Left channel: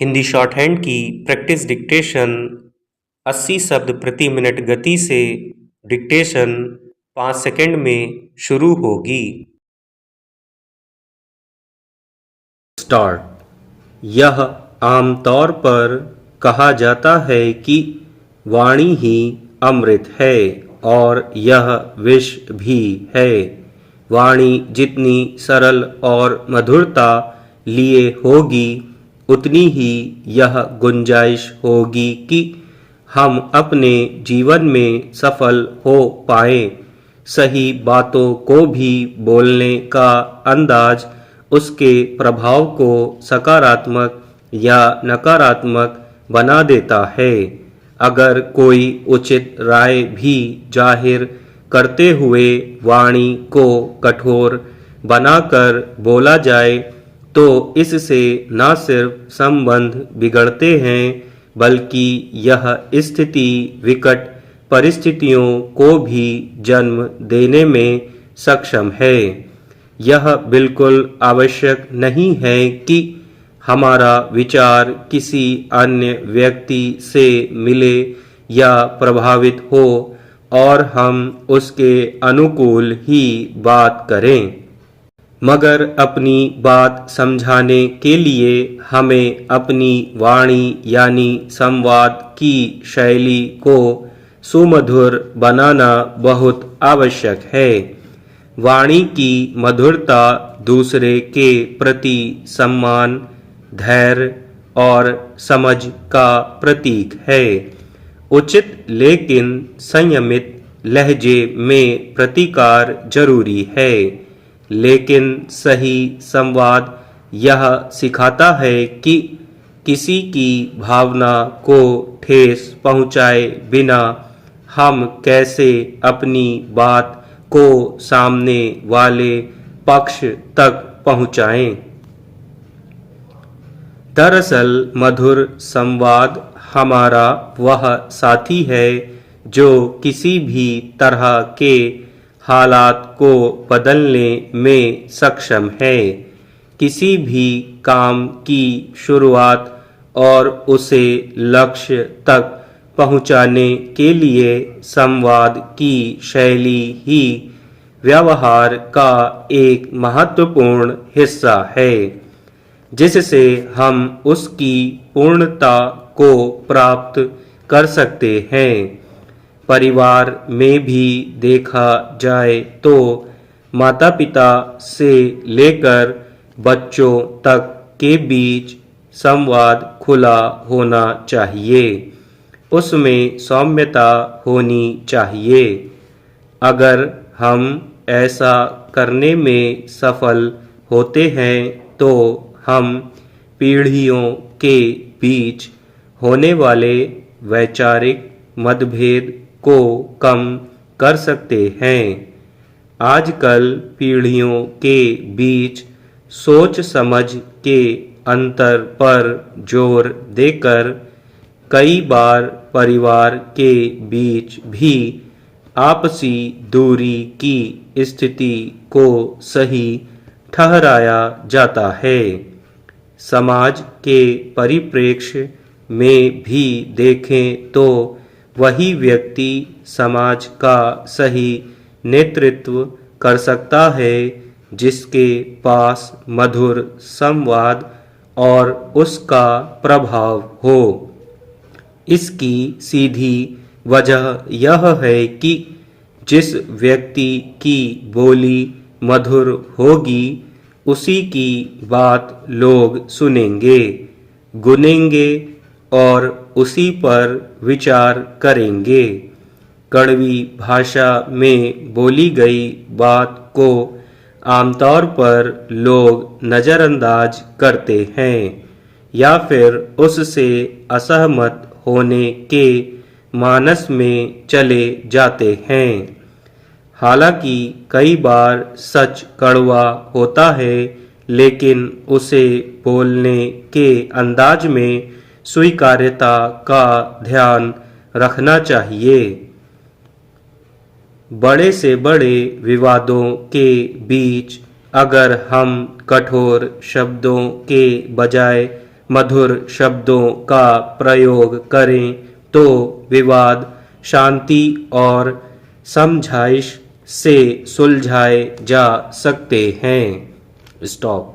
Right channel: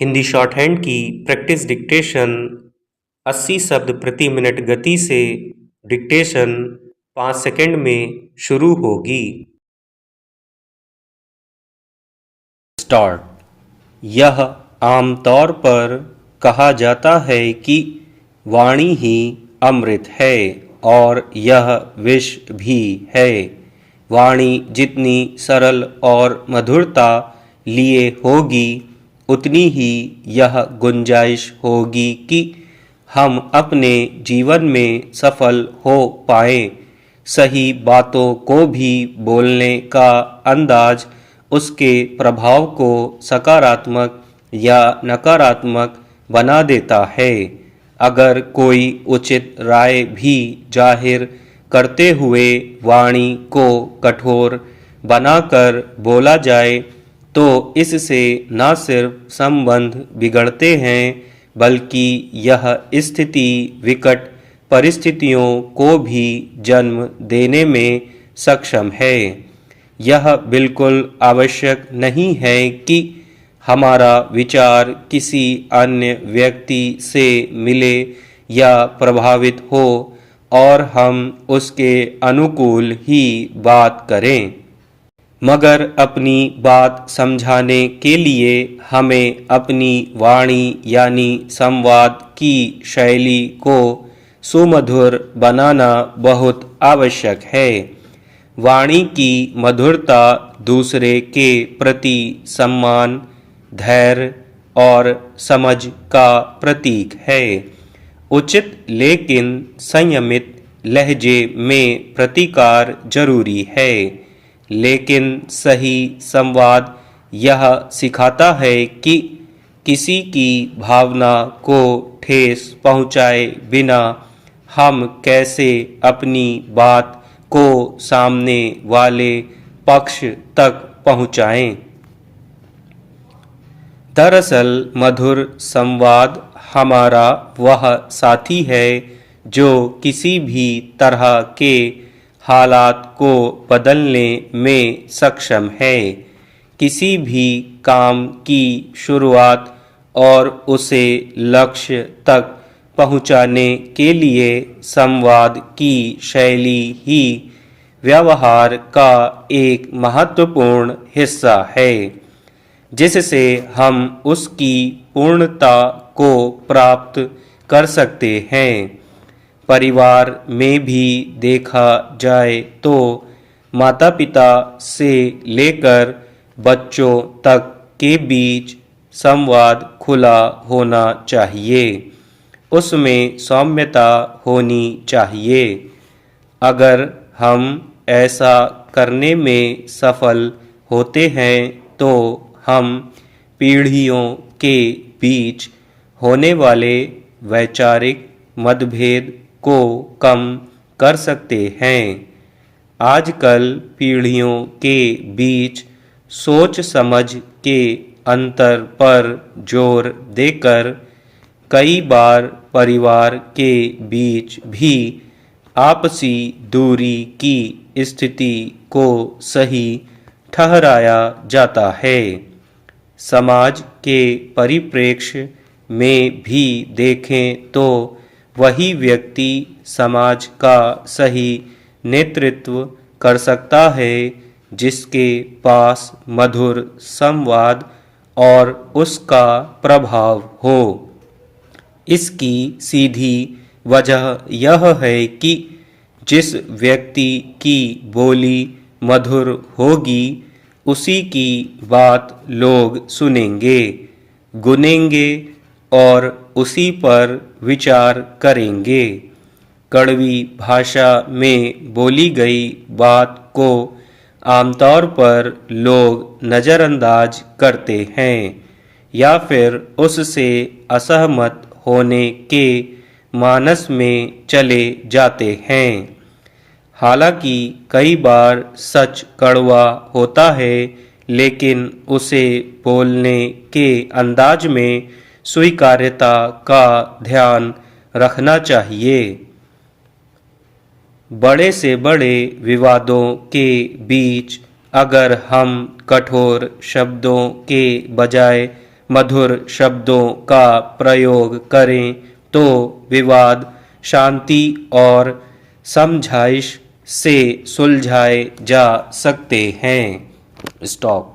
Hindi short hand की practice dictation 80 शब्द प्रति मिनट गति से डिक्टेशन 5 सेकंड में शुरू होगी। स्टार्ट। यह आमतौर पर कहा जाता है कि वाणी ही अमृत है और यह विष भी है। वाणी जितनी सरल और मधुरता लिए होगी उतनी ही यह गुंजाइश होगी कि हम अपने जीवन में सफल हो पाएं। सही बातों को भी बोलने का अंदाज उसके प्रभाव को सकारात्मक या नकारात्मक बना देता है। अगर कोई उचित राय भी जाहिर करते हुए वाणी को कठोर बनाकर बोला जाए तो इससे न सिर्फ संबंध बिगड़ते हैं बल्कि यह स्थिति विकट परिस्थितियों को भी जन्म देने में सक्षम है। यह बिल्कुल आवश्यक नहीं है कि हमारा विचार किसी अन्य व्यक्ति से मिले या प्रभावित हो और हम उसके अनुकूल ही बात करें, मगर अपनी बात समझाने के लिए हमें अपनी वाणी यानी संवाद की शैली को सुमधुर बनाना बहुत आवश्यक है। वाणी की मधुरता दूसरे के प्रति सम्मान, धैर्य और समझ का प्रतीक है। उचित लेकिन संयमित लहजे में प्रतिकार जरूरी है, लेकिन सही संवाद यह सिखाता है कि किसी की भावना को ठेस पहुंचाए बिना हम कैसे अपनी बात को सामने वाले पक्ष तक पहुंचाएं। दरअसल मधुर संवाद हमारा वह साथी है जो किसी भी तरह के हालात को बदलने में सक्षम है। किसी भी काम की शुरुआत और उसे लक्ष्य तक पहुंचाने के लिए संवाद की शैली ही व्यवहार का एक महत्वपूर्ण हिस्सा है, जिससे हम उसकी पूर्णता को प्राप्त कर सकते हैं। परिवार में भी देखा जाए तो माता पिता से लेकर बच्चों तक के बीच संवाद खुला होना चाहिए, उसमें सौम्यता होनी चाहिए। अगर हम ऐसा करने में सफल होते हैं तो हम पीढ़ियों के बीच होने वाले वैचारिक मतभेद को कम कर सकते हैं। आजकल पीढ़ियों के बीच सोच समझ के अंतर पर जोर देकर कई बार परिवार के बीच भी आपसी दूरी की स्थिति को सही ठहराया जाता है। समाज के परिप्रेक्ष्य में भी देखें तो वही व्यक्ति समाज का सही नेतृत्व कर सकता है जिसके पास मधुर संवाद और उसका प्रभाव हो। इसकी सीधी वजह यह है कि जिस व्यक्ति की बोली मधुर होगी उसी की बात लोग सुनेंगे, गुनेंगे और उसी पर विचार करेंगे। कड़वी भाषा में बोली गई बात को आमतौर पर लोग नज़रअंदाज करते हैं या फिर उससे असहमत होने के मानस में चले जाते हैं। हालांकि कई बार सच कड़वा होता है, लेकिन उसे बोलने के अंदाज में स्वीकार्यता का ध्यान रखना चाहिए। बड़े से बड़े विवादों के बीच अगर हम कठोर शब्दों के बजाय मधुर शब्दों का प्रयोग करें तो विवाद शांति और समझाइश से सुलझाए जा सकते हैं। स्टॉप।